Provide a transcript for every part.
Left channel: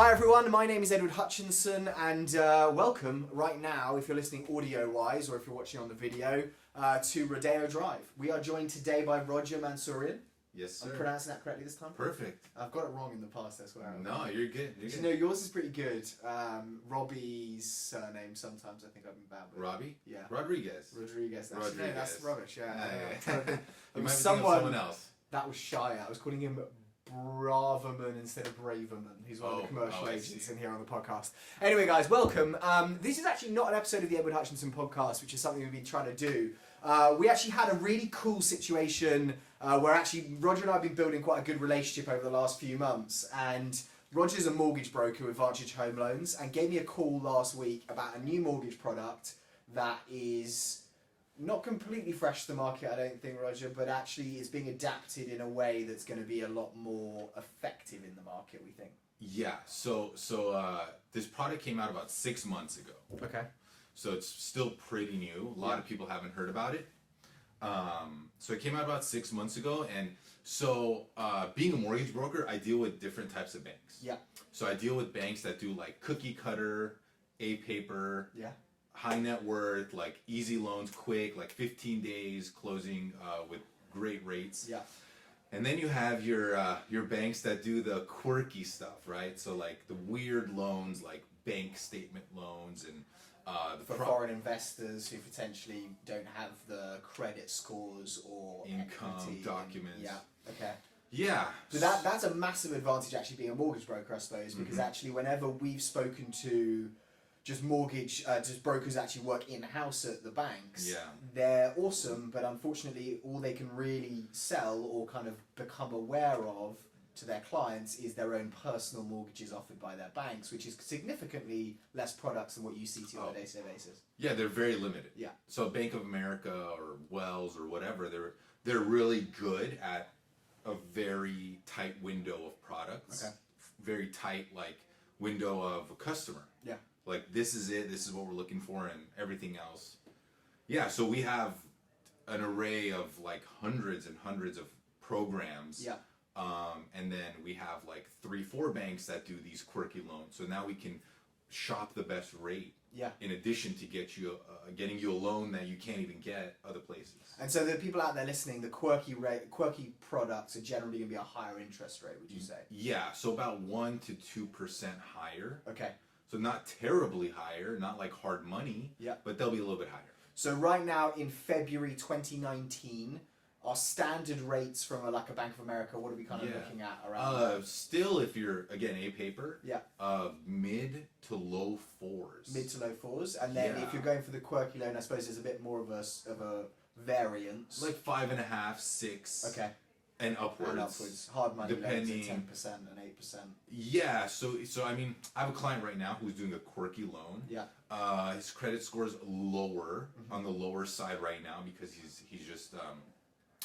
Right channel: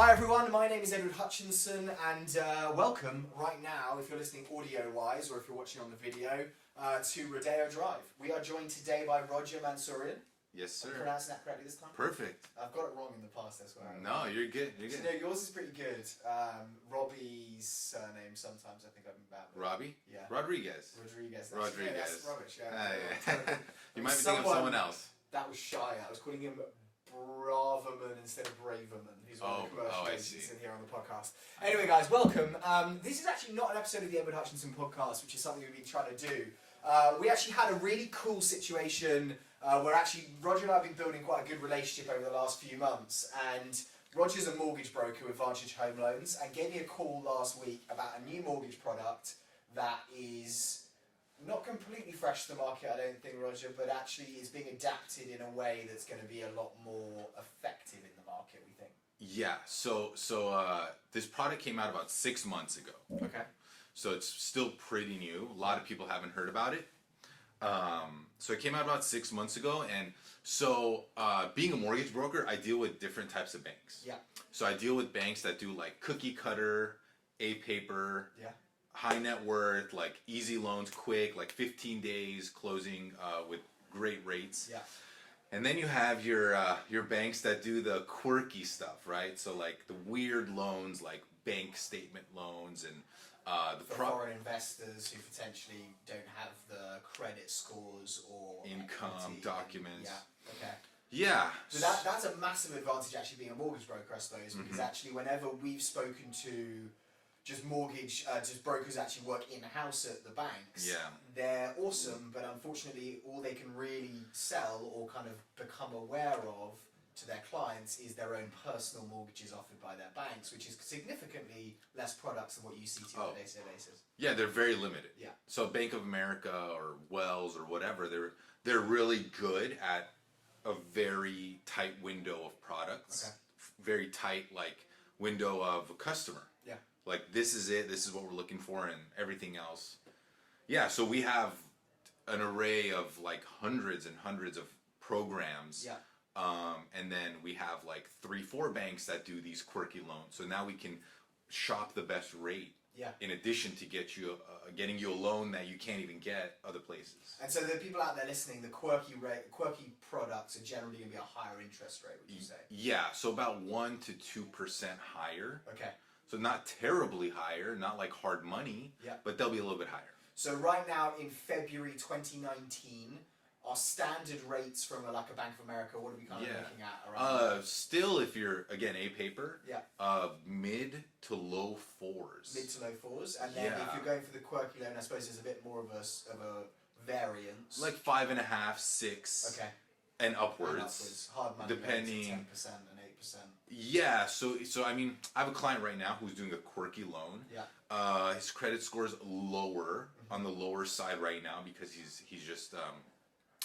Hi everyone, my name is Edward Hutchinson and welcome right now, if you're listening audio-wise or if you're watching on the video, to Rodeo Drive. We are joined today by Roger Mansourian. Yes, sir. I'm pronouncing that correctly this time? Perfect. I've got it wrong in the past, I swear. No, you're good. You're good. You know, yours is pretty good. Robbie's surname, sometimes I think I've been bad with. Robbie? Yeah. Rodriguez. Rodriguez. Rodriguez. No, that's rubbish, yeah. You might be thinking of someone else. That was shy. I was calling him Braverman instead of Braverman. He's one of the commercial agents in here on the podcast. Anyway, guys, welcome. This is actually not an episode of the Edward Hutchinson podcast, which is something we've been trying to do. We actually had a really cool situation where actually Roger and I have been building quite a good relationship over the last few months, and Roger's a mortgage broker with Vantage Home Loans and gave me a call last week about a new mortgage product that is not completely fresh to the market, I don't think, Roger, but actually is being adapted in a way that's going to be a lot more effective in the market, we think. Yeah, so this product came out about 6 months ago. Okay. So it's still pretty new. A lot of people haven't heard about it. So it came out about 6 months ago, and so being a mortgage broker, I deal with different types of banks. Yeah. So I deal with banks that do like cookie cutter, A-paper, Yeah. high net worth, like easy loans, quick, like 15 days closing with great rates. Yeah. And then you have your banks that do the quirky stuff, right? So like the weird loans, like bank statement loans and for foreign investors who potentially don't have the credit scores or income equity documents. Yeah. Okay. Yeah. So that's a massive advantage actually being a mortgage broker, I suppose, because actually whenever we've spoken to just brokers that actually work in-house at the banks, Yeah. they're awesome, but unfortunately all they can really sell or kind of become aware of to their clients is their own personal mortgages offered by their banks, which is significantly less products than what you see on a day-to-day basis. Yeah, they're very limited. Yeah. So Bank of America or Wells or whatever, they're really good at a very tight window of products. Okay. Very tight like window of a customer. Yeah. Like this is it, this is what we're looking for, and everything else. Yeah, so we have an array of like hundreds and hundreds of programs. Yeah. And then we have like 3-4 banks that do these quirky loans. So now we can shop the best rate. Yeah. In addition to getting you a loan that you can't even get other places. And so the people out there listening, the quirky products are generally going to be a higher interest rate, would you say? Yeah, so about 1 to 2% higher. Okay. So not terribly higher, not like hard money. Yeah. But they'll be a little bit higher. So right now in February 2019, our standard rates from a Bank of America, what are we kind of looking at around? Still, if you're again A-paper, yeah, mid to low 4s. Mid to low 4s, and then if you're going for the quirky loan, I suppose there's a bit more of a variance. Like 5.5, 6. Okay. And upwards. And upwards. Hard money Depending. Loans at 10% and 8%. Yeah, so I mean, I have a client right now who's doing a quirky loan. Yeah. His credit score is lower, on the lower side right now because he's just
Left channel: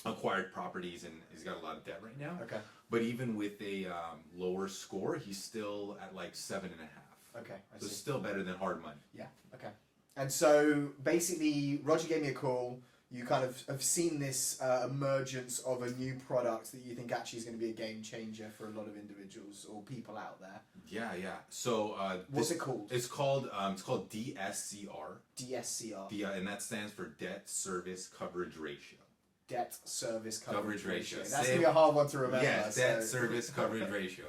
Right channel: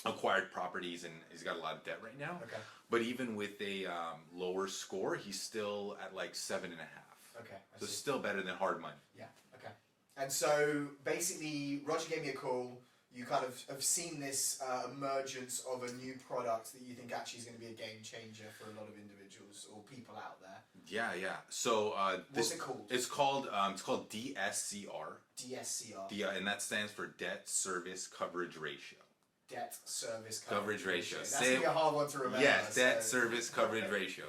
acquired properties and he's got a lot of debt right now. Okay. But even with a lower score, he's still at like 7.5. Okay. So still better than hard money. Yeah. Okay. And so basically, Roger gave me a call. You kind of have seen this emergence of a new product that you think actually is going to be a game changer for a lot of individuals or people out there. Yeah. So what's it called? It's called DSCR. DSCR. And that stands for Debt Service Coverage Ratio. Debt Service Coverage Ratio. That's going to be a hard one to remember. Yes, Debt Service Coverage Ratio.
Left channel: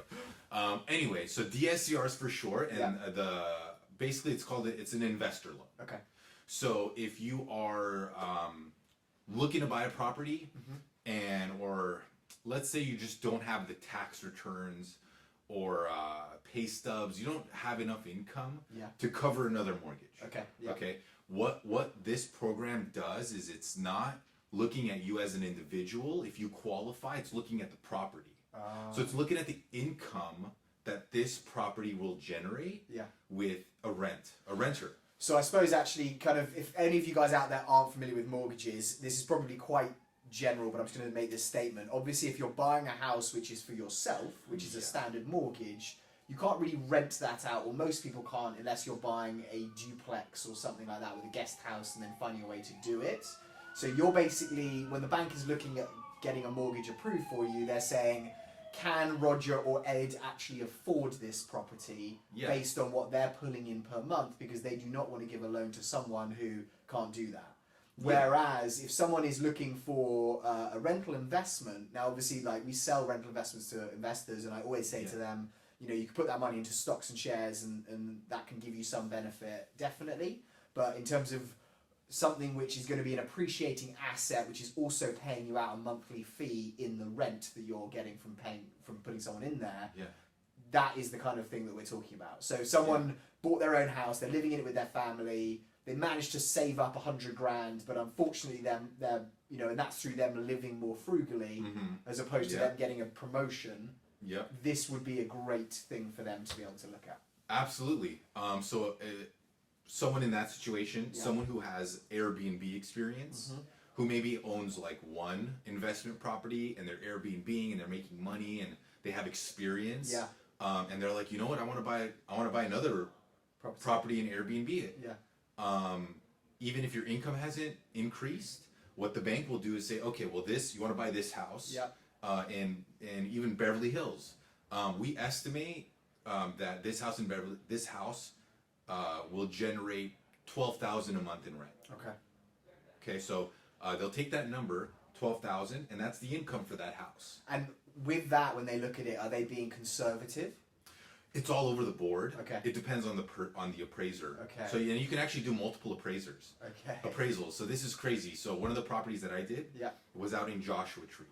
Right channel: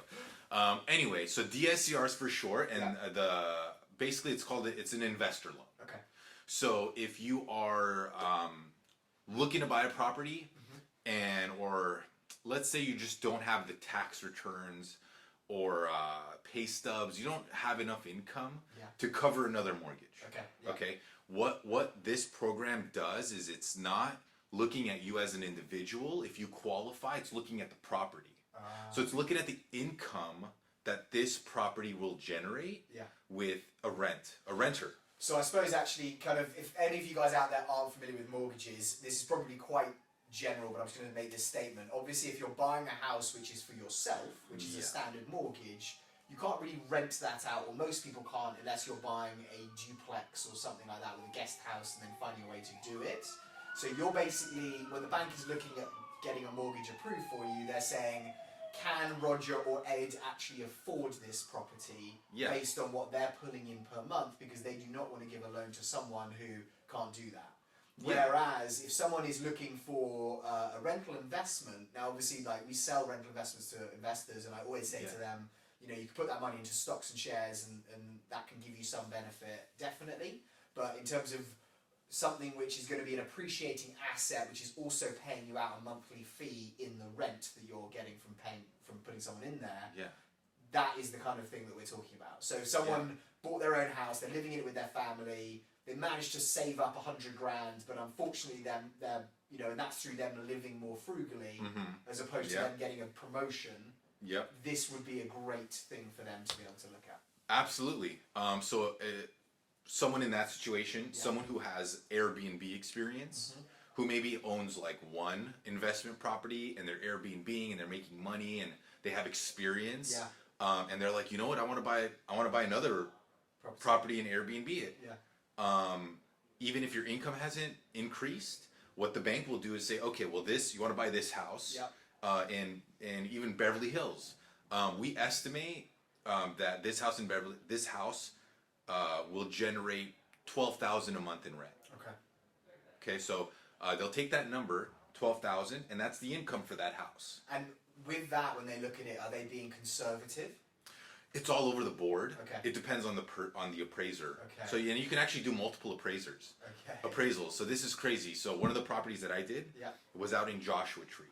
Anyway, so DSCR is for short, and basically it's an investor loan. Okay. So if you are looking to buy a property, or let's say you just don't have the tax returns or pay stubs, you don't have enough income to cover another mortgage. Okay. Yeah. Okay. What this program does is it's not looking at you as an individual. If you qualify, it's looking at the property. So it's looking at the income that this property will generate with a renter. So I suppose actually kind of, if any of you guys out there aren't familiar with mortgages, this is probably quite general, but I'm just going to make this statement. Obviously, if you're buying a house which is for yourself, which is a standard mortgage, you can't really rent that out, or most people can't unless you're buying a duplex or something like that with a guest house and then finding a way to do it. So you're basically, when the bank is looking at getting a mortgage approved for you, they're saying, can Roger or Ed actually afford this property based on what they're pulling in per month, because they do not want to give a loan to someone who can't do that. Whereas if someone is looking for a rental investment, now obviously like we sell rental investments to investors, and I always say to them, you know, you can put that money into stocks and shares and that can give you some benefit, definitely. But in terms of something which is going to be an appreciating asset, which is also paying you out a monthly fee in the rent that you're getting from putting someone in there, that is the kind of thing that we're talking about. So if someone bought their own house, they're living in it with their family, they managed to save up $100,000, but unfortunately they're you know, and that's through them living more frugally as opposed to them getting a promotion. This would be a great thing for them to be able to look at. Absolutely. Someone in that situation, someone who has Airbnb experience, who maybe owns like one investment property and they're Airbnb and they're making money and they have experience, and they're like, you know what, I want to buy another property and Airbnb it. Even if your income hasn't increased, what the bank will do is say, okay, well, you want to buy this house, and even Beverly Hills. We estimate that this house will generate $12,000 a month in rent. Okay, so they'll take that number, 12,000, and that's the income for that house. And with that, when they look at it, are they being conservative? It's all over the board. It depends on the appraiser. So and you can actually do multiple appraisals. So this is crazy. So one of the properties that I did was out in Joshua Tree.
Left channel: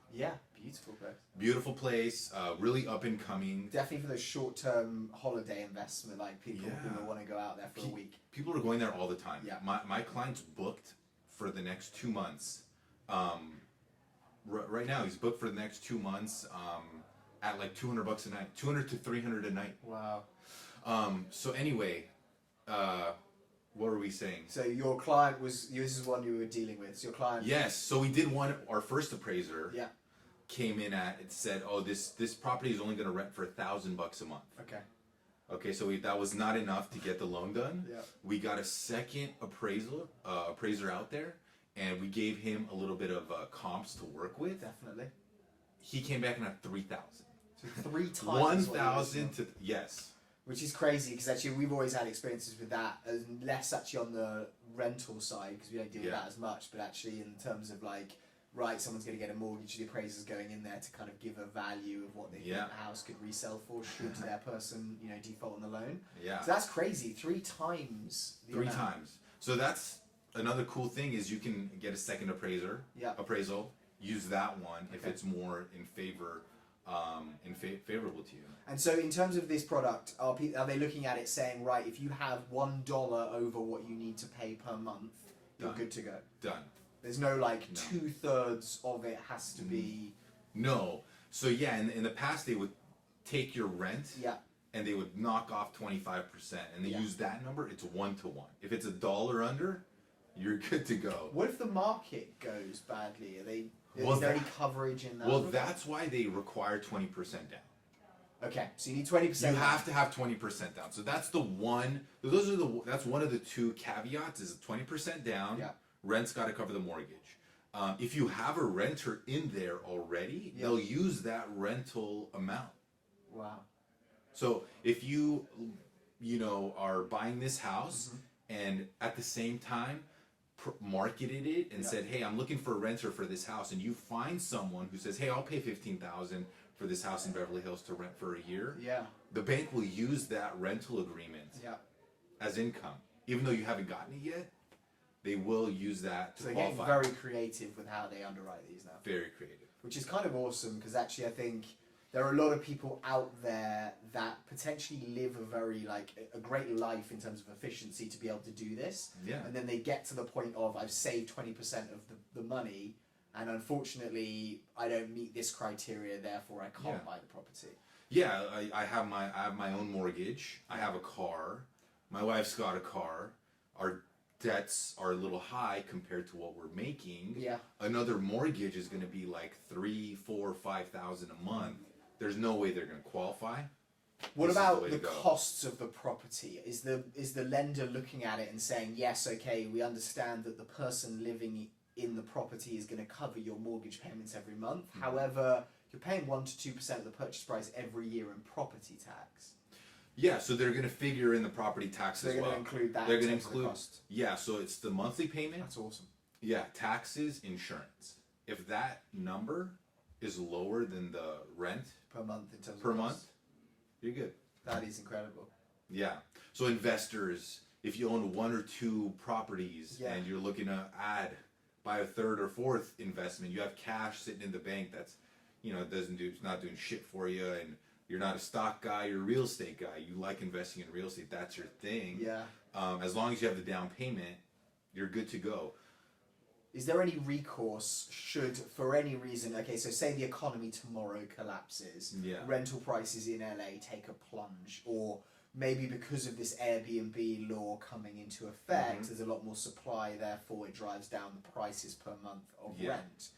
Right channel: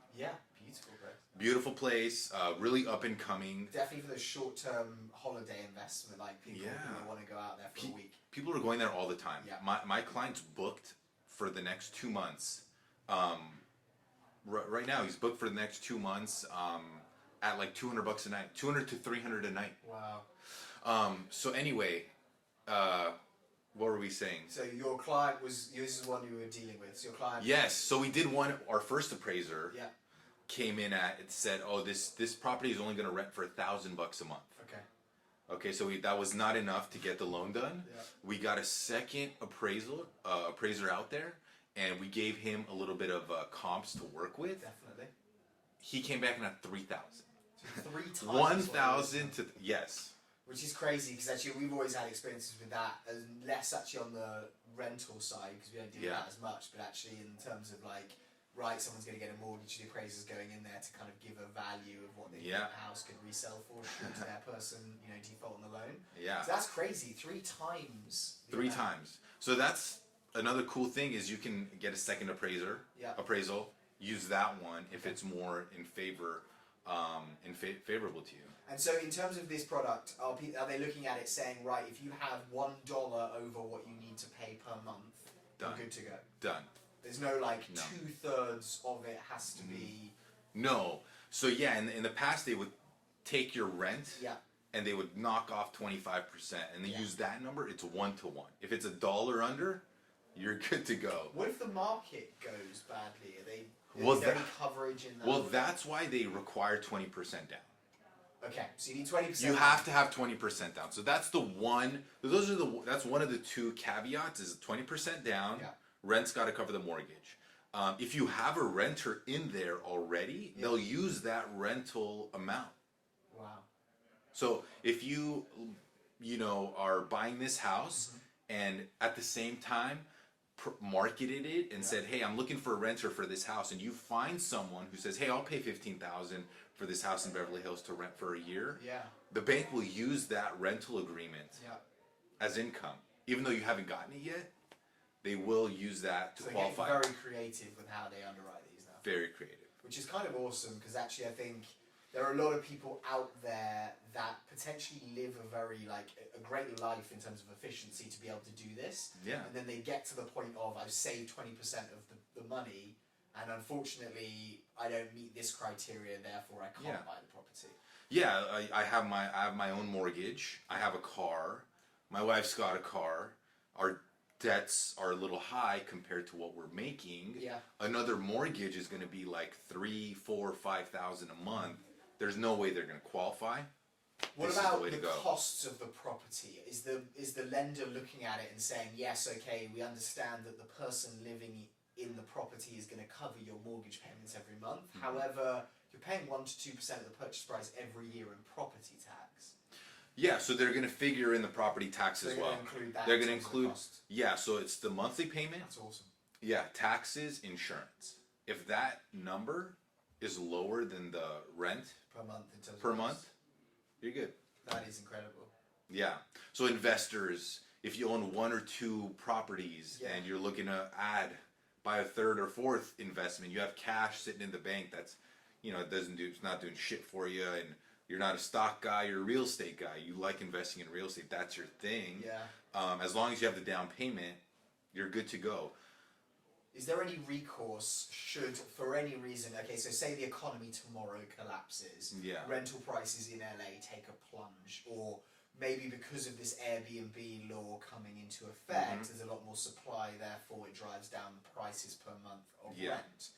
Beautiful place. Beautiful place, really up and coming. Definitely for those short-term holiday investment, like people who want to go out there for a week. People are going there all the time. My client's booked for the next 2 months. Right now, he's booked for the next 2 months. At like $200 a night, $200 to $300 a night. Wow. So anyway, what were we saying? So your client this is one you were dealing with. So your client. Yes. So we did one. Our first appraiser. Came in it said, oh, this property is only going to rent for $1,000 a month. Okay. So that was not enough to get the loan done. We got a second appraiser out there, and we gave him a little bit of comps to work with. Definitely. He came back and at 3,000. So 3 times. 1,000 to Which is crazy because actually we've always had experiences with that, less actually on the rental side because we don't deal with that as much, but actually in terms of like, right, someone's going to get a mortgage, the appraiser's going in there to kind of give a value of what they think the house could resell for should their person, you know, default on the loan. So that's crazy. 3 times. 3 times. So that's another cool thing is you can get a second appraisal. Use that one if it's more in favor, favorable to you. And so, in terms of this product, are they looking at it saying, right, if you have $1 over what you need to pay per month, you're good to go? Done. There's no like 2/3 of it has to be. No. So in the past they would take your rent. And they would knock off 25%, and they use that number. It's 1-to-1. If it's $1 under, you're good to go. What if the market goes badly? Is there any coverage in that? Well, that's why they require 20% down. Okay, so you need 20%. You have to have 20% down. So that's the one. That's one of the 2 caveats. Is 20% down. Rent's got to cover the mortgage. If you have a renter in there already, they'll use that rental amount. Wow. So if you are buying this house and at the same time marketed it and said, hey, I'm looking for a renter for this house, and you find someone who says, hey, I'll pay $15,000 for this house in Beverly Hills to rent for a year, the bank will use that rental agreement as income. Even though you haven't gotten it yet, they will use that to qualify. They're getting very creative with how they underwrite these now. Very creative. Which is kind of awesome because actually I think there are a lot of people out there that potentially live a great life in terms of efficiency to be able to do this. And then they get to the point of, I've saved 20% of the money, and unfortunately I don't meet this criteria, therefore I can't buy the property. I have my own mortgage. I have a car. My wife's got a car. Our debts are a little high compared to what we're making. Another mortgage is going to be like $3,000, $4,000, $5,000 a month. There's no way they're going to qualify. What about the costs of the property? Is the lender looking at it and saying, yes, okay, we understand that the person living in the property is going to cover your mortgage payments every month. However, you're paying 1 to 2% of the purchase price every year in property tax. Yeah, so they're going to figure in the property tax as well. They're going to include that. They're going to include, yeah, so it's the monthly payment. That's awesome. Yeah, taxes, insurance. If that number is lower than the rent per month in terms per of month, you're good. That is incredible. Yeah. So investors, if you own 1 or 2 properties and you're looking to buy a 3rd or 4th investment, you have cash sitting in the bank that's, it's not doing shit for you, and you're not a stock guy, you're a real estate guy. You like investing in real estate, that's your thing. Yeah. As long as you have the down payment, you're good to go. Is there any recourse should, for any reason, okay, so say the economy tomorrow collapses, rental prices in LA take a plunge, or maybe because of this Airbnb law coming into effect, there's a lot more supply, therefore it drives down the prices per month of rent.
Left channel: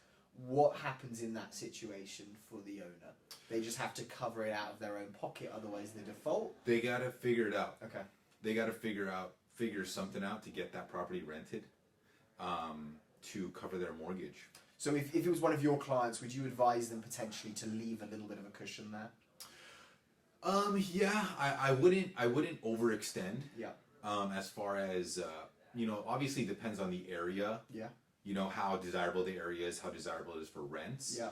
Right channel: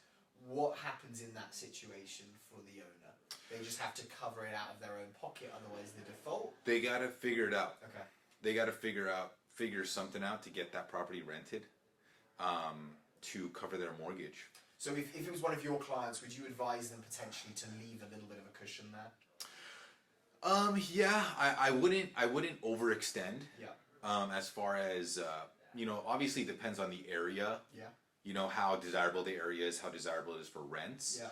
What happens in that situation for the owner? They just have to cover it out of their own pocket, otherwise they default? They got to figure it out. Okay. They got to figure something out to get that property rented to cover their mortgage. So if it was one of your clients, would you advise them potentially to leave a little bit of a cushion there? Yeah, I wouldn't overextend. Yeah. As far as obviously it depends on the area. Yeah. How desirable the area is, how desirable it is for rents. Yeah.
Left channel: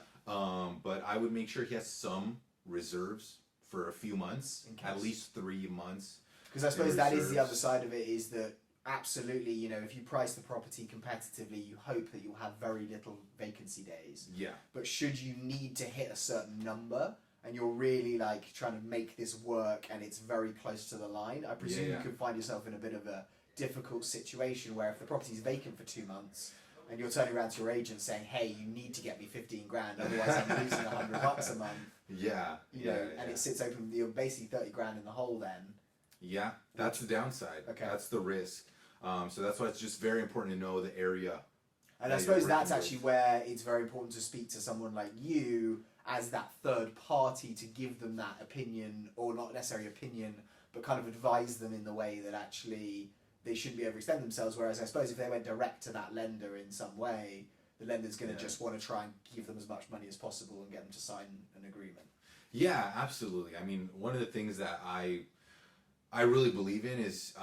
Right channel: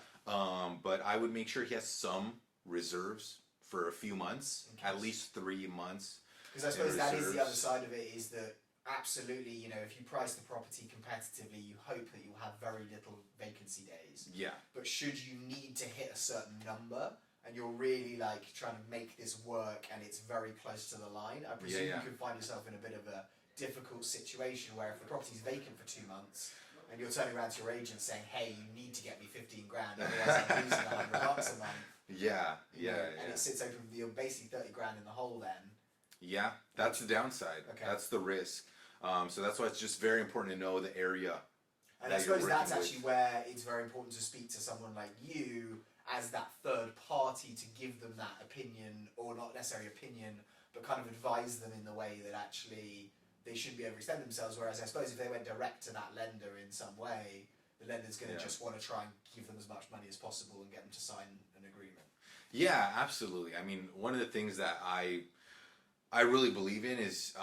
But I would make sure he has some reserves for a few months, at least 3 months. Because I suppose that is the other side of it, is that absolutely, if you price the property competitively, you hope that you'll have very little vacancy days. Yeah. But should you need to hit a certain number, and you're really trying to make this work, and it's very close to the line, I presume you could find yourself in a bit of a difficult situation where if the property's vacant for 2 months, and you're turning around to your agent saying, "Hey, you need to get me 15 grand, otherwise I'm losing $100 a month." Yeah, and it sits open. You're basically 30 grand in the hole then. Yeah, that's the downside. Okay. That's the risk. So that's why it's just very important to know the area. And I suppose that's actually where it's very important to speak to someone like you as that third party to give them that opinion, or not necessarily opinion, but kind of advise them in the way that actually they shouldn't be overextend themselves. Whereas I suppose if they went direct to that lender in some way, the lender's going to just want to try and give them as much money as possible and get them to sign an agreement. Yeah, absolutely. I mean, one of the things that I really believe in is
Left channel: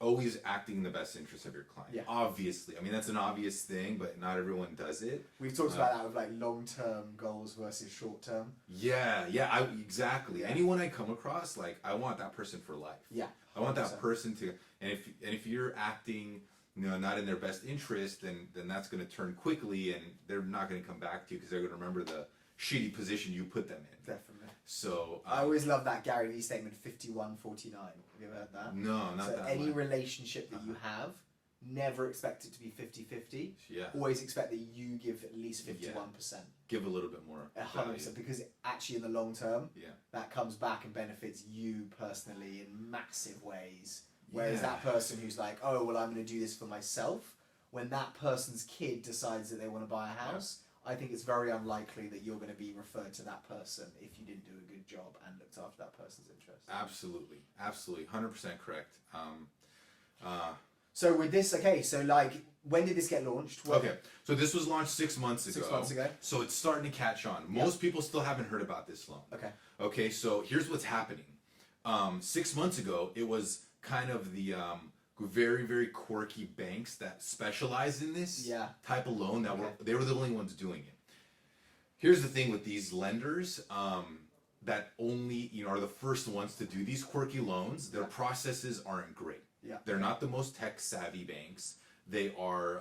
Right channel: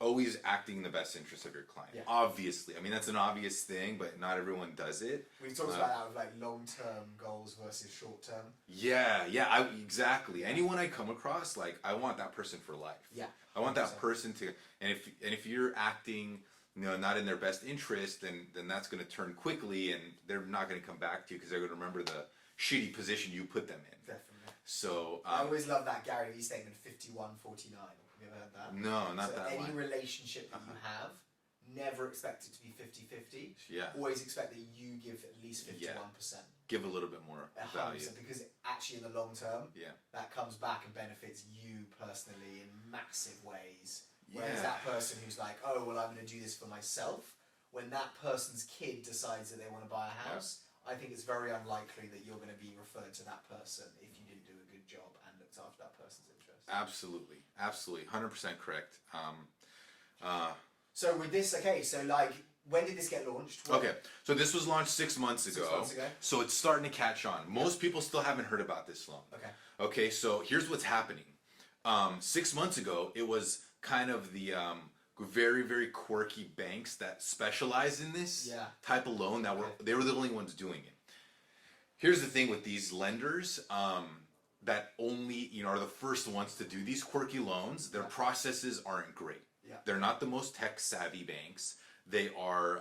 always acting in the best interest of your client. Yeah. Obviously. I mean, that's an obvious thing, but not everyone does it. We've talked about that with long-term goals versus short-term. Yeah, exactly. Yeah. Anyone I come across, I want that person for life. Yeah. 100%. I want that person to, and if you're acting, not in their best interest, then that's going to turn quickly, and they're not going to come back to you because they're going to remember the shitty position you put them in. Definitely. So I always love that Gary Vee statement, 51-49. Have you ever heard that? No, not that any one. relationship that you have, never expect it to be 50-50. Yeah. Always expect that you give at least 51%. Give a little bit more 100%, value. because actually in the long term, Yeah. that comes back and benefits you personally in massive ways. Whereas that person who's like, oh, well, I'm going to do this for myself, when that person's kid decides that they want to buy a house, I think it's very unlikely that you're going to be referred to that person if you didn't do a good job and looked after that person's interest. Absolutely. 100% correct. So with this, when did this get launched? Okay, so this was launched 6 months ago. 6 months ago. So it's starting to catch on. Most people still haven't heard about this loan. Okay. Okay, so here's what's happening. 6 months ago, it was kind of the very, very quirky banks that specialize in this type of loan they were the only ones doing it. Here's the thing with these lenders that only are the first ones to do these quirky loans. Their processes aren't great. Yeah. They're not the most tech savvy banks. They are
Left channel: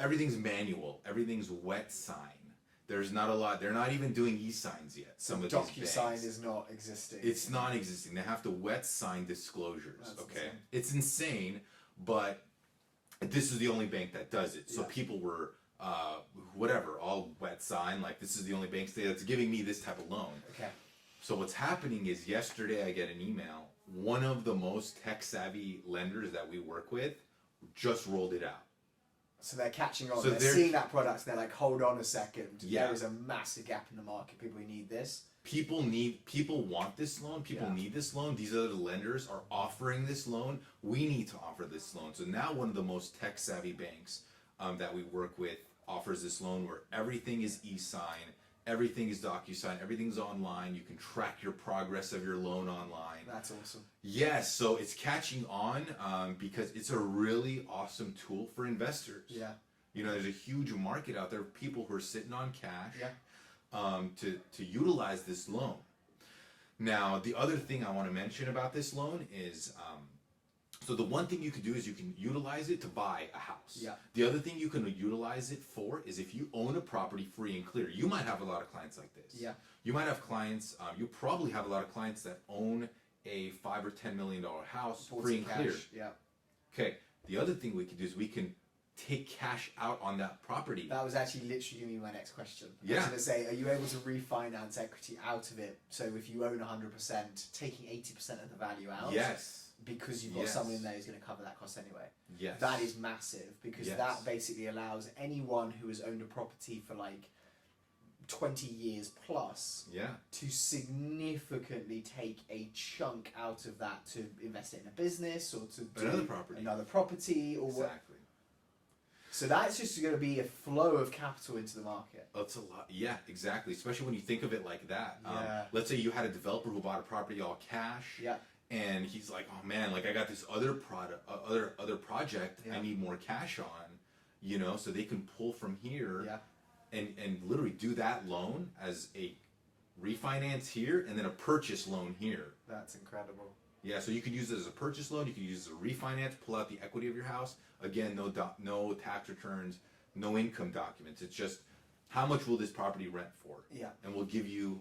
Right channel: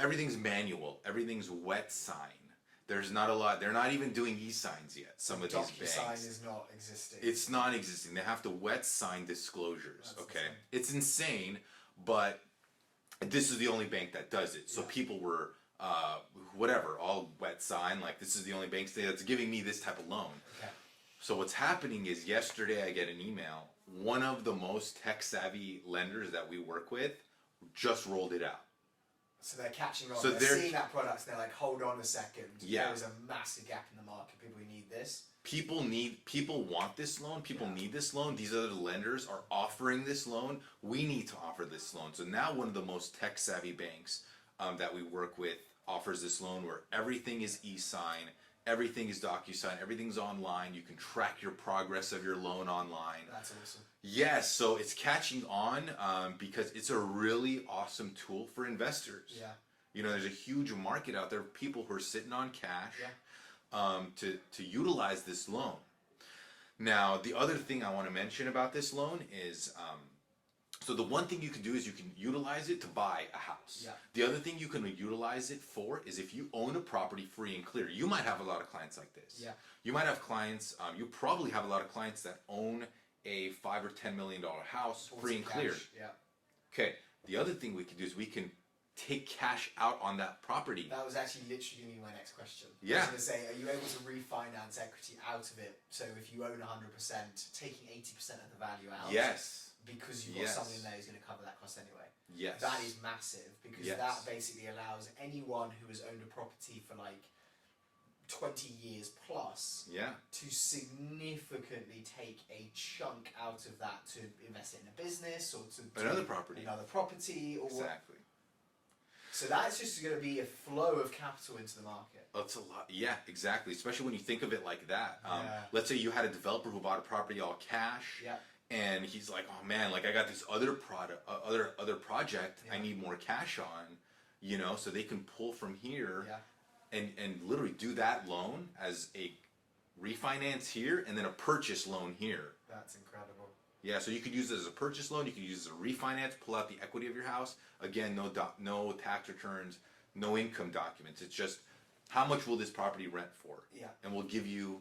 everything's manual. Everything's wet sign. There's not a lot. They're not even doing e-signs yet. Some of these banks. DocuSign is not existing. It's non-existing. They have to wet sign disclosures. That's okay, insane. It's insane, but this is the only bank that does it. So people were all wet sign. This is the only bank that's giving me this type of loan. Okay. So what's happening is yesterday I get an email. One of the most tech savvy lenders that we work with just rolled it out. So they're catching on. So they're seeing that product. And they're like, hold on a second. Yeah. There is a massive gap in the market. People who need this. People want this loan. People need this loan. These other lenders are offering this loan. We need to offer this loan. So now one of the most tech savvy banks that we work with offers this loan where everything is e-sign, everything is DocuSign, everything's online. You can track your progress of your loan online. That's awesome. Yes, so it's catching on because it's a really awesome tool for investors. Yeah. You know, there's a huge market out there of people who are sitting on cash Yeah. to utilize this loan. Now, the other thing I want to mention about this loan is, so the one thing you can do is you can utilize it to buy a house. Yeah. The other thing you can utilize it for is if you own a property free and clear. You might have a lot of clients like this. Yeah. You might have clients, you probably have a lot of clients that own a $5 or $10 million house free and clear. Yeah. Okay, the other thing we can do is we can take cash out on that property. That was actually literally going to be my next question. Yeah. I was going to say, are you able to refinance equity out of it? So if you own 100%, taking 80% of the value out. Yes. Because you've got someone in there who's going to cover that cost anyway. Yes. That is massive because that basically allows anyone who has owned a property for like 20 years plus to significantly take a chunk out of that to invest it in a business or to another property or exactly. So that's just going to be a flow of capital into the market. That's a lot. Yeah, exactly. Especially when you think of it like that. Let's say you had a developer who bought a property all cash. Yeah. And he's like, oh man, like I got this other product, other project I need more cash on, you know, so they can pull from here and literally do that loan as a refinance here and then a purchase loan here. That's incredible. Yeah, so you could use it as a purchase loan, you could use it as a refinance, pull out the equity of your house. Again, no tax returns, no income documents. It's just how much will this property rent for? Yeah. And we'll give you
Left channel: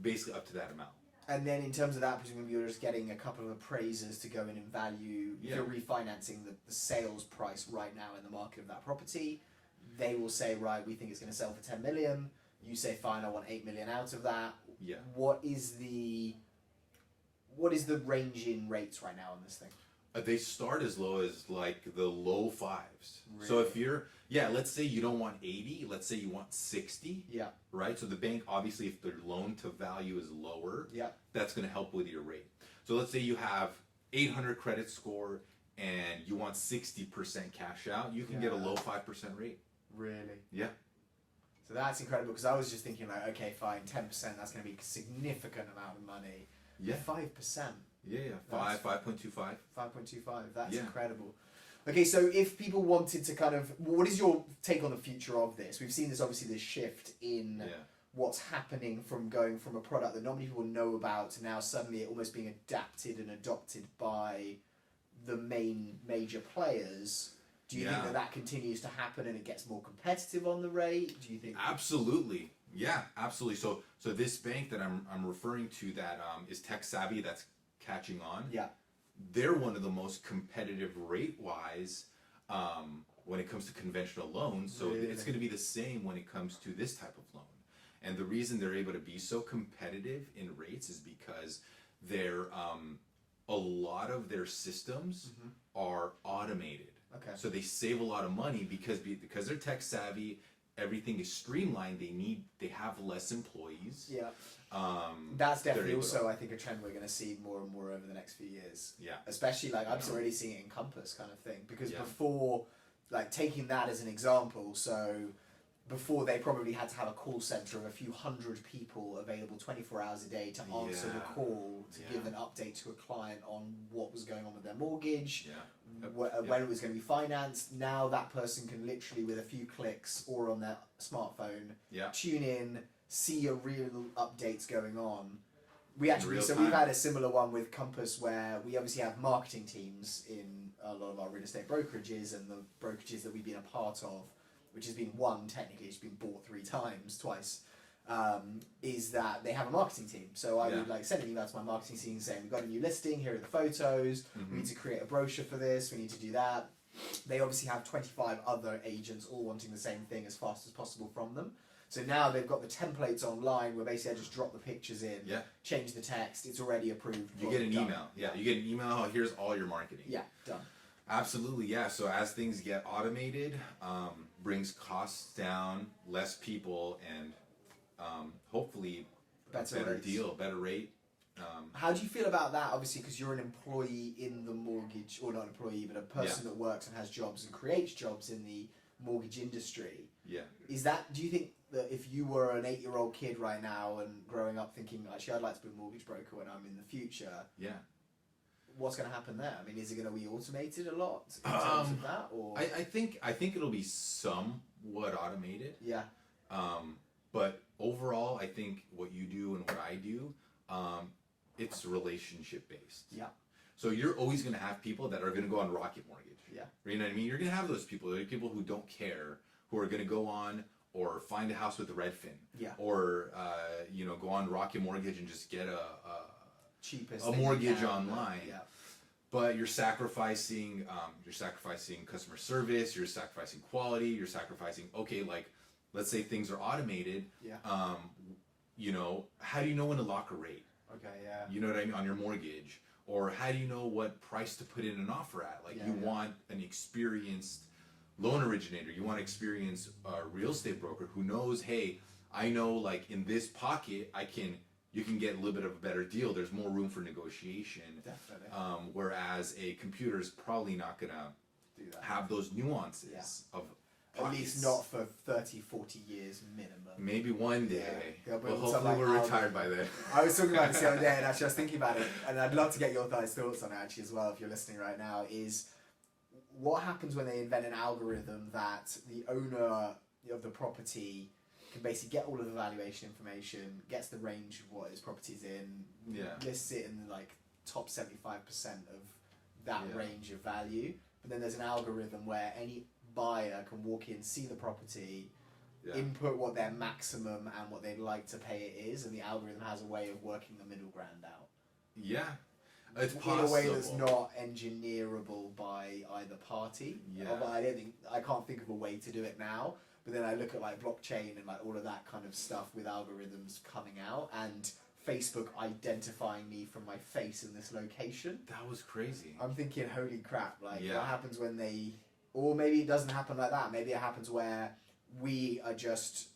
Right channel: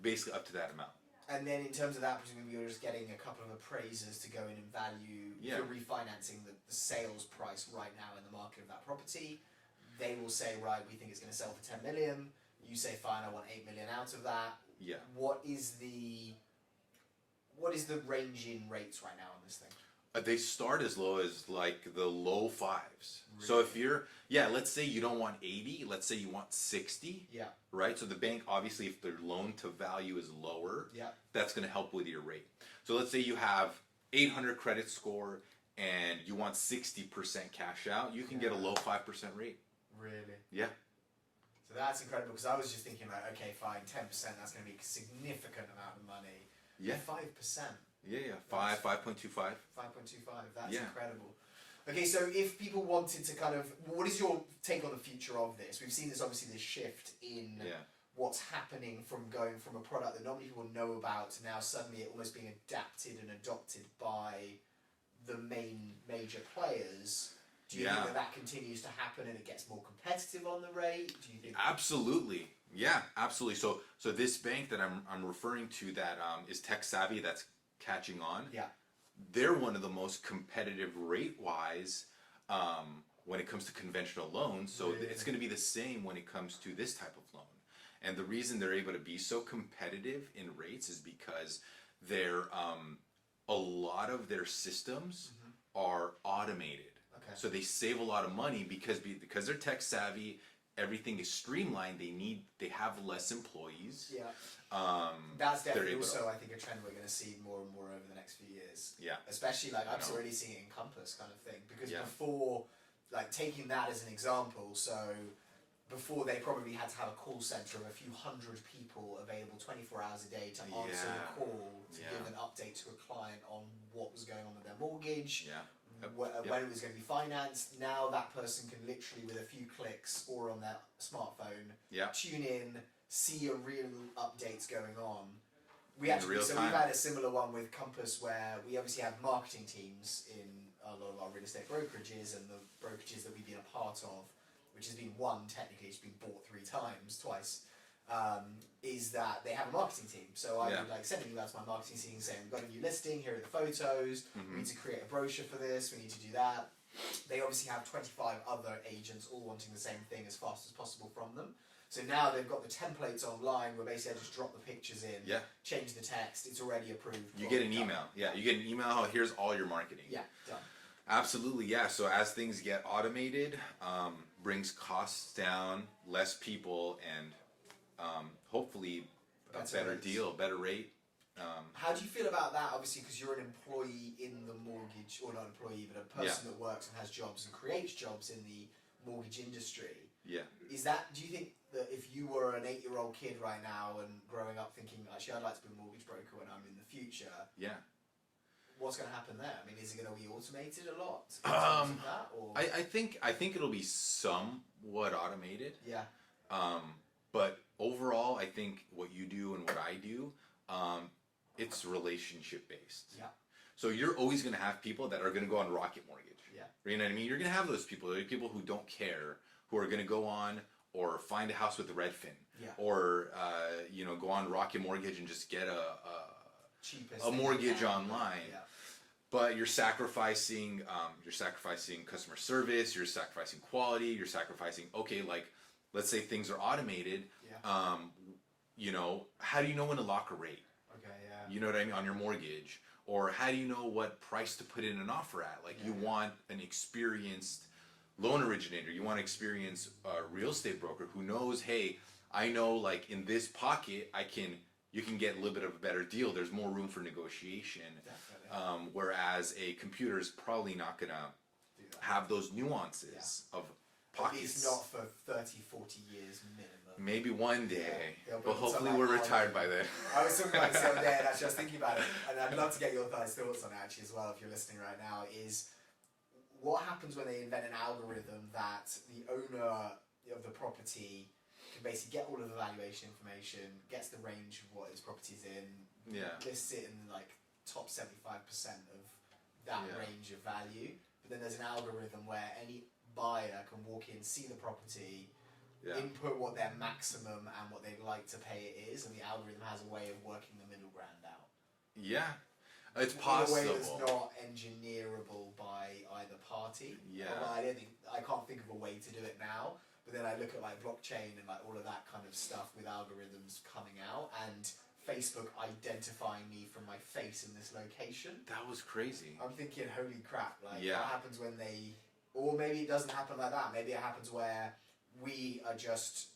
basically up to that amount. And then in terms of that, presumably you're just getting a couple of appraisers to go in and value, if you're refinancing the sales price right now in the market of that property. They will say, right, we think it's going to sell for 10 million. You say, fine, I want 8 million out of that. Yeah. What is the range in rates right now on this thing? They start as low as like the low fives. Really? So if you're, let's say you don't want 80, let's say you want 60. Yeah. Right? So the bank, obviously, if their loan to value is lower, that's going to help with your rate. So let's say you have 800 credit score and you want 60% cash out, you can get a low 5% rate. Really? Yeah. So that's incredible because I was just thinking like, okay, fine, 10%, that's going to be a significant amount of money. Yeah. 5%. Yeah. 5.25. 5.25. That's incredible. Okay, so if people wanted to kind of, what is your take on the future of this? We've seen this, obviously, this shift in what's happening from going from a product that not many people know about to now suddenly it almost being adapted and adopted by the major players. Do you think that continues to happen and it gets more competitive on the rate? Do you think? Absolutely. Yeah, absolutely. So this bank that I'm referring to that is tech savvy, that's catching on. Yeah. They're one of the most competitive rate-wise when it comes to conventional loans. So it's going to be the same when it comes to this type of loan. And the reason they're able to be so competitive in rates is because they're a lot of their systems are automated. Okay. So they save a lot of money because they're tech savvy. Everything is streamlined. They have less employees. Yeah. That's definitely also, I think, a trend we're going to see more and more over the next few years. Yeah. Especially, like, I'm already seeing it in Compass kind of thing. Because before, like, taking that as an example, so before they probably had to have a call center of a few hundred people available 24 hours a day to answer the call, to give an update to a client on what was going on with their mortgage, when it was going to be financed. Now that person can literally, with a few clicks or on their smartphone, tune in, see a real updates going on. We've had a similar one with Compass where we obviously have marketing teams in a lot of our real estate brokerages and the brokerages that we've been a part of, which has been technically it's been bought twice, is that they have a marketing team. So I would send an email to my marketing team saying, we've got a new listing, here are the photos, we need to create a brochure for this, we need to do that. They obviously have 25 other agents all wanting the same thing as fast as possible from them. So now they've got the templates online where basically I just drop the pictures in, change the text, it's already approved. You get an email. Yeah, you get an email, oh, here's all your marketing. Yeah, done. Absolutely, yeah. So as things get automated, brings costs down, less people, and hopefully a better deal, better rate. How do you feel about that? Obviously, because you're an employee in the mortgage, or not an employee, but a person that works and has jobs and creates jobs in the mortgage industry. Yeah. Do you think that if you were an 8-year-old kid right now and growing up thinking, actually, I'd like to be a mortgage broker when I'm in the future, what's going to happen there? I mean, is it going to be automated a lot in terms of that? Or? I think it'll be somewhat automated. Yeah. But overall, I think what you do and what I do, it's relationship based. Yeah. So you're always going to have people that are going to go on Rocket Mortgage. Yeah. You know what I mean? You're going to have those people. There are people who don't care, who are going to go on or find a house with Redfin. Yeah. Or, go on Rocket Mortgage and just get cheapest a mortgage online. Yeah. But you're sacrificing customer service, you're sacrificing quality, you're sacrificing, let's say things are automated. Yeah. How do you know when to lock a rate? Okay, yeah. You know what I mean? On your mortgage. Or how do you know what price to put in an offer at? Want an experienced loan originator. You want an experienced real estate broker who knows, hey, I know in this pocket, you can get a little bit of a better deal. There's more room for negotiation. Definitely. Whereas a computer is probably not going to have those nuances of pockets. At least not for 30, 40 years minimum. Maybe one day. Yeah, but hopefully we're retired by then. I was talking about this the other day, and actually I was thinking about it, and I'd love to get your guys' thoughts on it actually as well if you're listening right now, is what happens when they invent an algorithm that the owner of the property can basically get all of the valuation information, gets the range of what his property's in, lists it in the top 75% of that range of value, but then there's an algorithm where any buyer can walk in, see the property, input what their maximum and what they'd like to pay it is, and the algorithm has a way of working the middle ground out. Yeah. It's possible. In a way that's not engineerable by either party. Yeah. I can't think of a way to do it now. But then I look at blockchain and all of that kind of stuff with algorithms coming out and Facebook identifying me from my face in this location. That was crazy. I'm thinking, holy crap! What happens when they? Or maybe it doesn't happen like that. Maybe it happens where we are just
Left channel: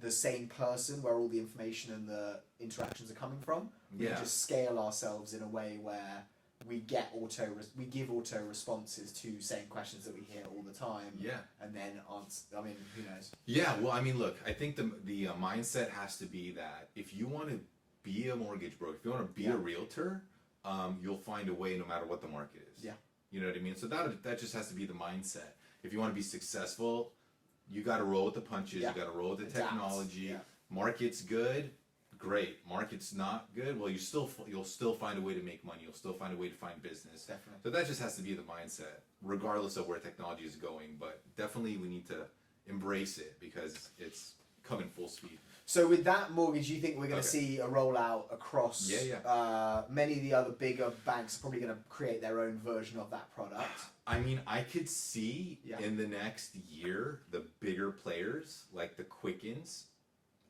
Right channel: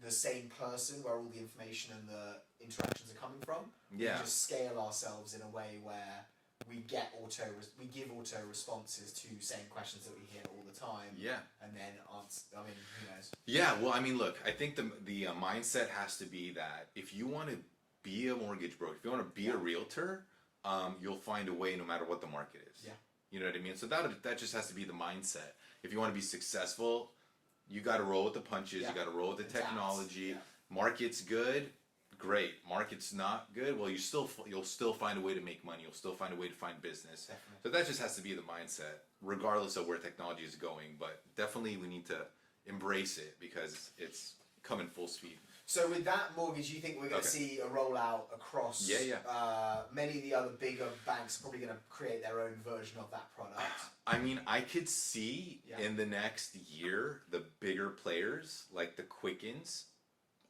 the same person, where all the information and the interactions are coming from. We just scale ourselves in a way where we give auto responses to same questions that we hear all the time. Yeah. And then answer. I mean, who knows? Yeah. Well, I mean, look. I think the mindset has to be that if you want to be a mortgage broker, if you want to be a realtor, you'll find a way no matter what the market is. Yeah. You know what I mean? So that just has to be the mindset. If you want to be successful, you got to roll with the punches. You got to roll with the technology. Yeah. Market's good, great. Market's not good, well, you'll still find a way to make money. You'll still find a way to find business. Definitely. So that just has to be the mindset, regardless of where technology is going. But definitely, we need to embrace it because it's coming full speed. So with that mortgage, you think we're going to see a rollout across? Many of the other bigger banks are probably going to create their own version of that product. I mean, I could see in the next year the bigger players like the Quickens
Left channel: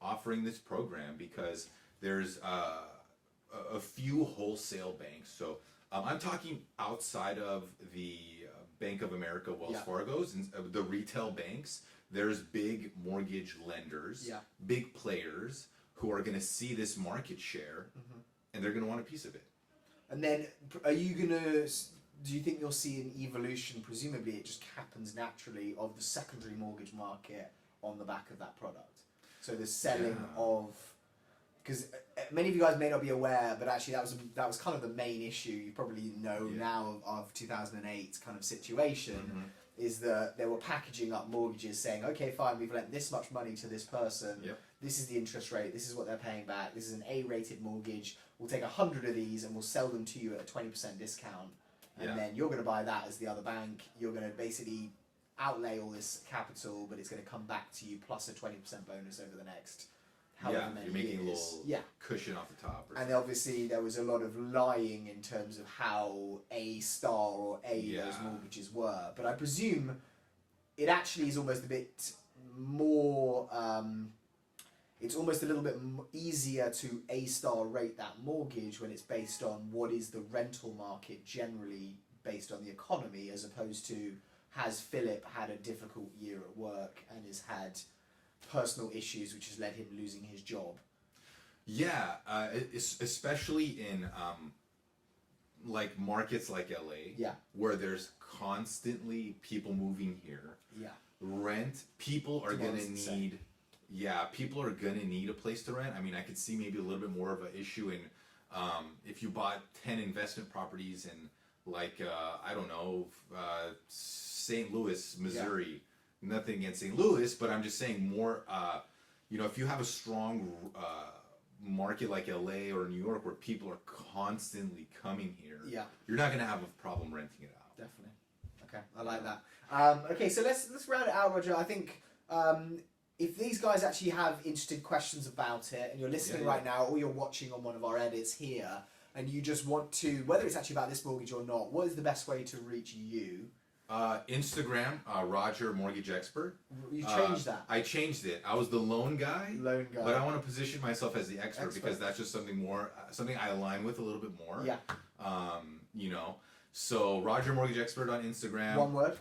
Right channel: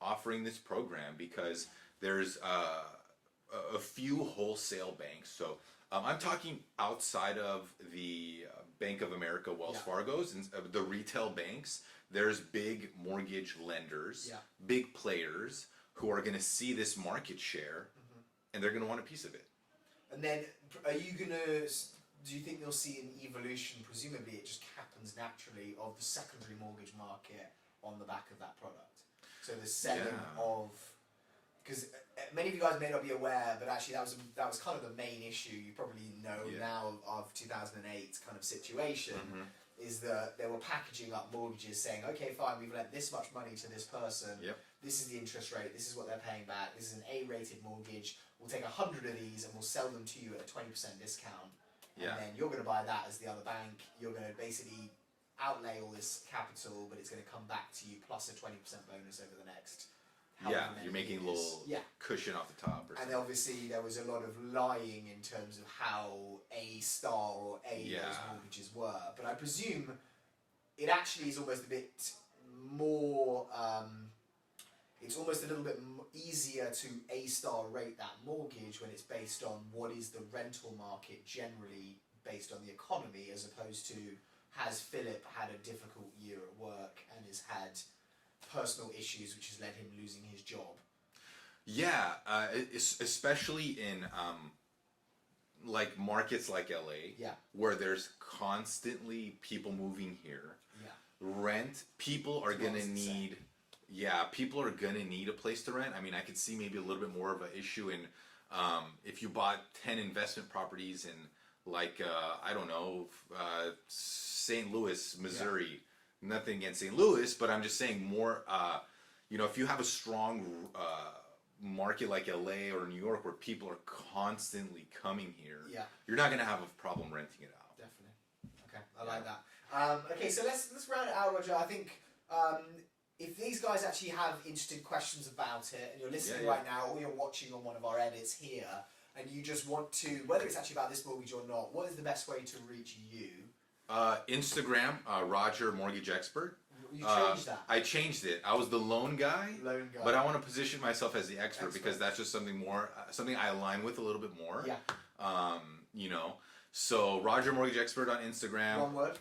offering this program because there's a few wholesale banks. So I'm talking outside of the Bank of America, Wells Fargo's, and the retail banks. There's big mortgage lenders, big players who are going to see this market share, and they're going to want a piece of it. And then, do you think you'll see an evolution? Presumably, it just happens naturally of the secondary mortgage market on the back of that product. So the selling of, because many of you guys may not be aware, but actually that was kind of the main issue. You probably know now of 2008 kind of situation. Is that they were packaging up mortgages saying, okay, fine, we've lent this much money to this person. This is the interest rate. This is what they're paying back. This is an A-rated mortgage. We'll take 100 of these and we'll sell them to you at a 20% discount. And then you're going to buy that as the other bank. You're going to basically outlay all this capital, but it's going to come back to you plus a 20% bonus over the next however many you're making years. A little cushion off the top. And obviously there was a lot of lying in terms of how A-star or those mortgages were. But I presume it actually is almost a bit more, it's almost a little bit easier to A-star rate that mortgage when it's based on what is the rental market generally based on the economy, as opposed to has Philip had a difficult year at work and has had personal issues which has led him losing his job. Especially in markets like LA, where there's constantly people moving here. rent, people are going to need... Yeah, people are going to need a place to rent. I mean, I could see maybe a little bit more of an issue in if you bought 10 investment properties in, like, I don't know, St. Louis, Missouri. Yeah. Nothing against St. Louis, but I'm just saying more, you know, if you have a strong market like LA or New York where people are constantly coming here, you're not going to have a problem renting it out. Definitely. Okay, I like that. Okay, so let's round it out, Roger. I think... if these guys actually have interested questions about it, and you're listening right now, or you're watching on one of our edits here, and you just want to, whether it's actually about this mortgage or not, what is the best way to reach you? Instagram, Roger Mortgage Expert. You changed that? I changed it. I was the loan guy. Lone guy. But I want to position myself as the expert because that's just something more, something I align with a little bit more. Yeah. You know, so Roger Mortgage Expert on Instagram. One word?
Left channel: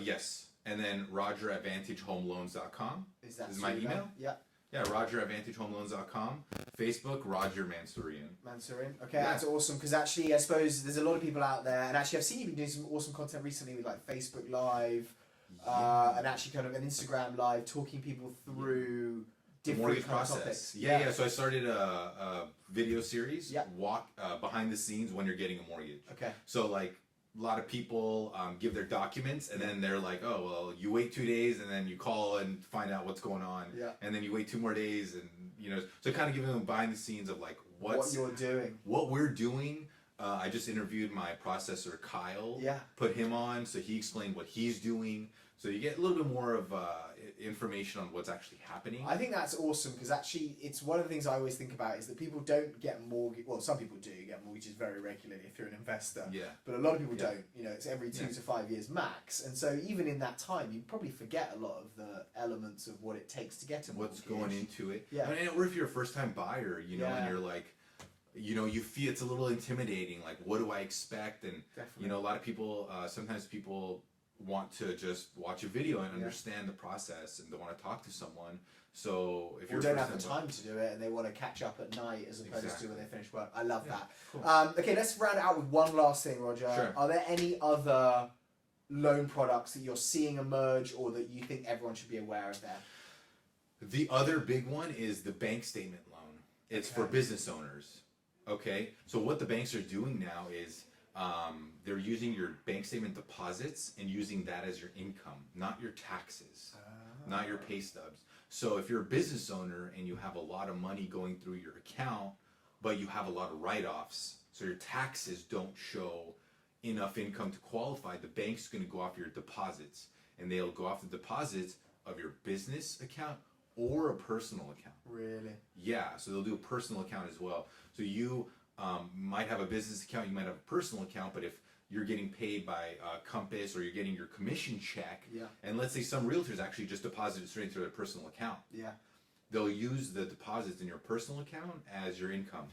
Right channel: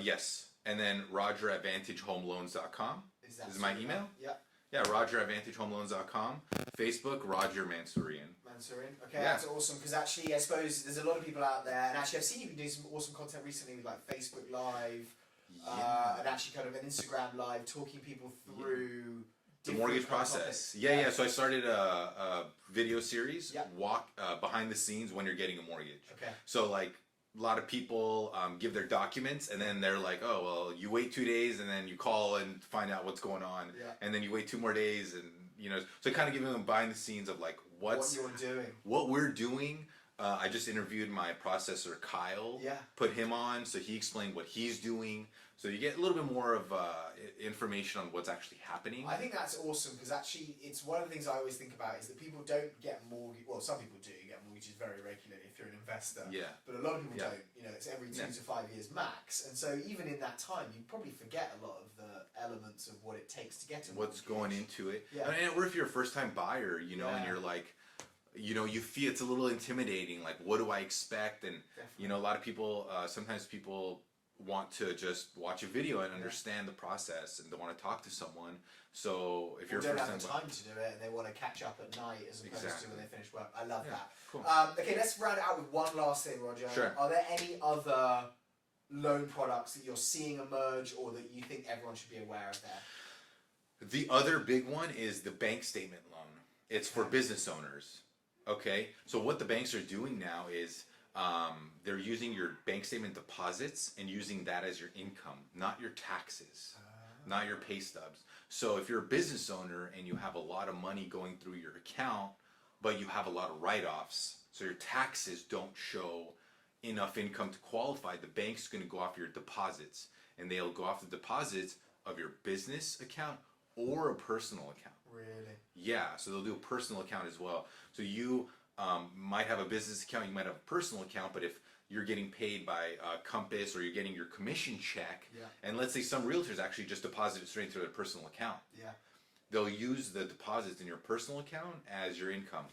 Yes. And then Roger at VantageHomeLoans.com. Is my email? Yeah. Yeah, Roger at VantageHomeLoans.com. Facebook, Roger Mansourian. Mansourian. Okay, that's awesome. Because actually, I suppose there's a lot of people out there, and actually I've seen you been doing some awesome content recently with like Facebook Live, and actually kind of an Instagram Live, talking people through the mortgage process. Yeah. So I started a video series, walk behind the scenes when you're getting a mortgage. Okay. So like, a lot of people give their documents and then they're like, oh, well, you wait 2 days and then you call and find out what's going on. Yeah. And then you wait 2 more days and, you know, so kind of giving them behind the scenes of like what you're doing. What we're doing. I just interviewed my processor, Kyle. Yeah. Put him on so he explained what he's doing. So you get a little bit more of information on what's actually happening. I think that's awesome because actually it's one of the things I always think about is that people don't get mortgage. Well, some people do get mortgages very regularly if you're an investor. Yeah. But a lot of people don't. You know, it's every 2 to 5 years max. And so even in that time, you probably forget a lot of the elements of what it takes to get a mortgage. What's going into it. Yeah. I mean, or if you're a first-time buyer, you know, and you're like, you know, you feel it's a little intimidating. Like, what do I expect? And, you know, a lot of people, sometimes people want to just watch a video and understand the process and they want to talk to someone. So if you don't have the time to do it and they want to catch up at night as opposed to when they finish work. I love that. Cool. Okay, let's round it out with one last thing, Roger. Sure. Are there any other loan products that you're seeing emerge or that you think everyone should be aware of there? The other big one is the bank statement loan. It's for business owners. Okay, so what the banks are doing now is they're using your bank statement deposits and using that as your income, not your taxes, not your pay stubs. So if you're a business owner and you have a lot of money going through your account, but you have a lot of write-offs, so your taxes don't show enough income to qualify, the bank's going to go off your deposits, and they'll go off the deposits of your business account or a personal account. Really? Yeah, so they'll do a personal account as well. So you might have a business account, you might have a personal account, but if you're getting paid by Compass or you're getting your commission check, and let's say some realtors actually just deposit it straight into their personal account. Yeah. They'll use the deposits in your personal account as your income.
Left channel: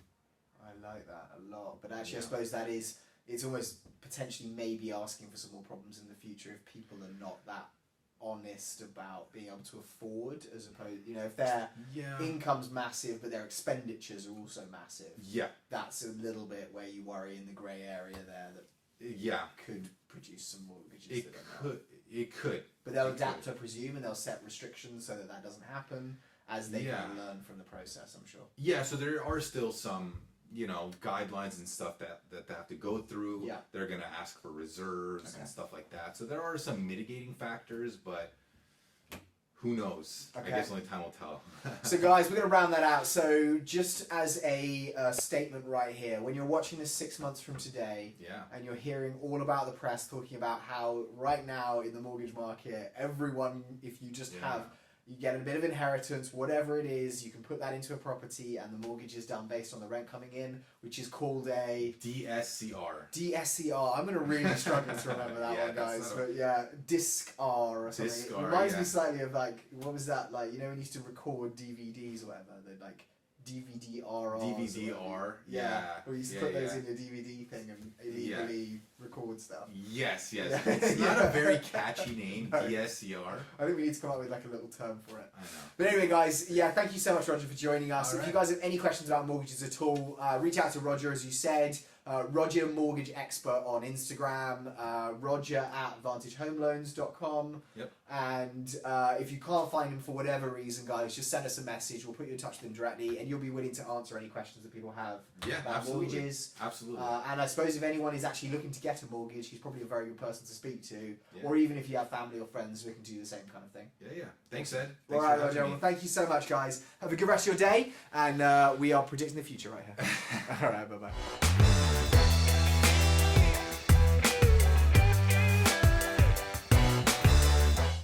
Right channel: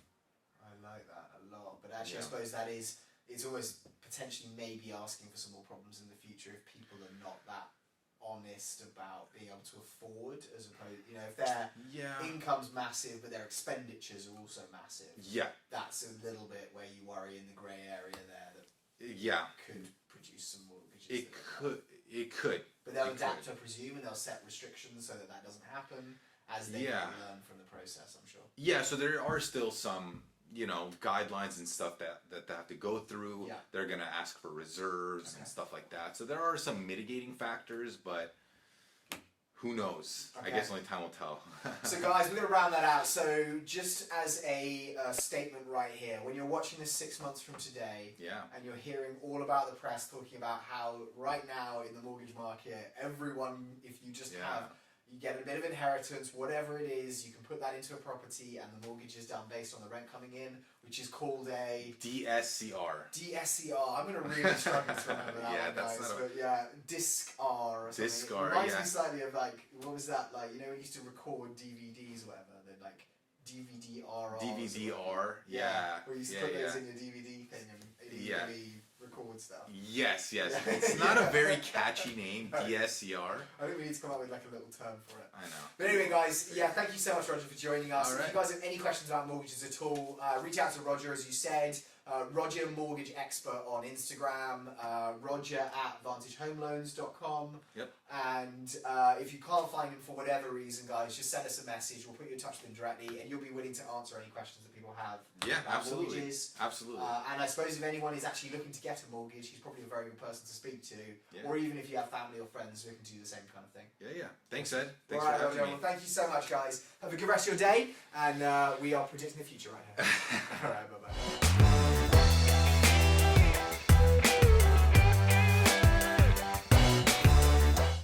I like that a lot. But actually, I suppose that is, it's almost potentially maybe asking for some more problems in the future if people are not that honest about being able to afford, as opposed, you know, if their income's massive but their expenditures are also massive. Yeah. That's a little bit where you worry in the grey area there that could produce some mortgages. It could. But they'll adapt, I presume, and they'll set restrictions so that doesn't happen as they learn from the process, I'm sure. Yeah, so there are still some, you know, guidelines and stuff that they have to go through. Yeah. They're going to ask for reserves and stuff like that. So there are some mitigating factors, but who knows? I guess only time will tell. So guys, we're going to round that out. So just as a statement right here, when you're watching this 6 months from today, and you're hearing all about the press talking about how right now in the mortgage market, everyone, if you just have, you get a bit of inheritance, whatever it is, you can put that into a property and the mortgage is done based on the rent coming in, which is called a... DSCR. DSCR. I'm going to really struggle to remember that one, guys. But DSCR or something. DSCR, it reminds me slightly of like, what was that like, you know when you used to record DVDs or whatever, they'd like... DVD-R. DVD-R, Where you used to put those in your DVD thing and illegally record stuff. Yes. It's not a very catchy name, DSCR. I think we need to come up with like a little term for it. I know. But anyway, guys, thank you so much, Roger, for joining us. If you guys have any questions about mortgages at all, reach out to Roger, as you said. Roger Mortgage Expert on Instagram, Roger at VantageHomeLoans.com. Yep. And if you can't find him for whatever reason, guys, just send us a message. We'll put you in touch with him directly, and you'll be willing to answer any questions that people have about mortgages. Absolutely. And I suppose if anyone is actually looking to get a mortgage, he's probably a very good person to speak to. Yeah. Or even if you have family or friends who can do the same kind of thing. Yeah. Thanks, Ed. Thanks All right, for having Roger. me. Well, thank you so much, guys. Have a good rest of your day, and we are predicting the future right here. All right, bye-bye.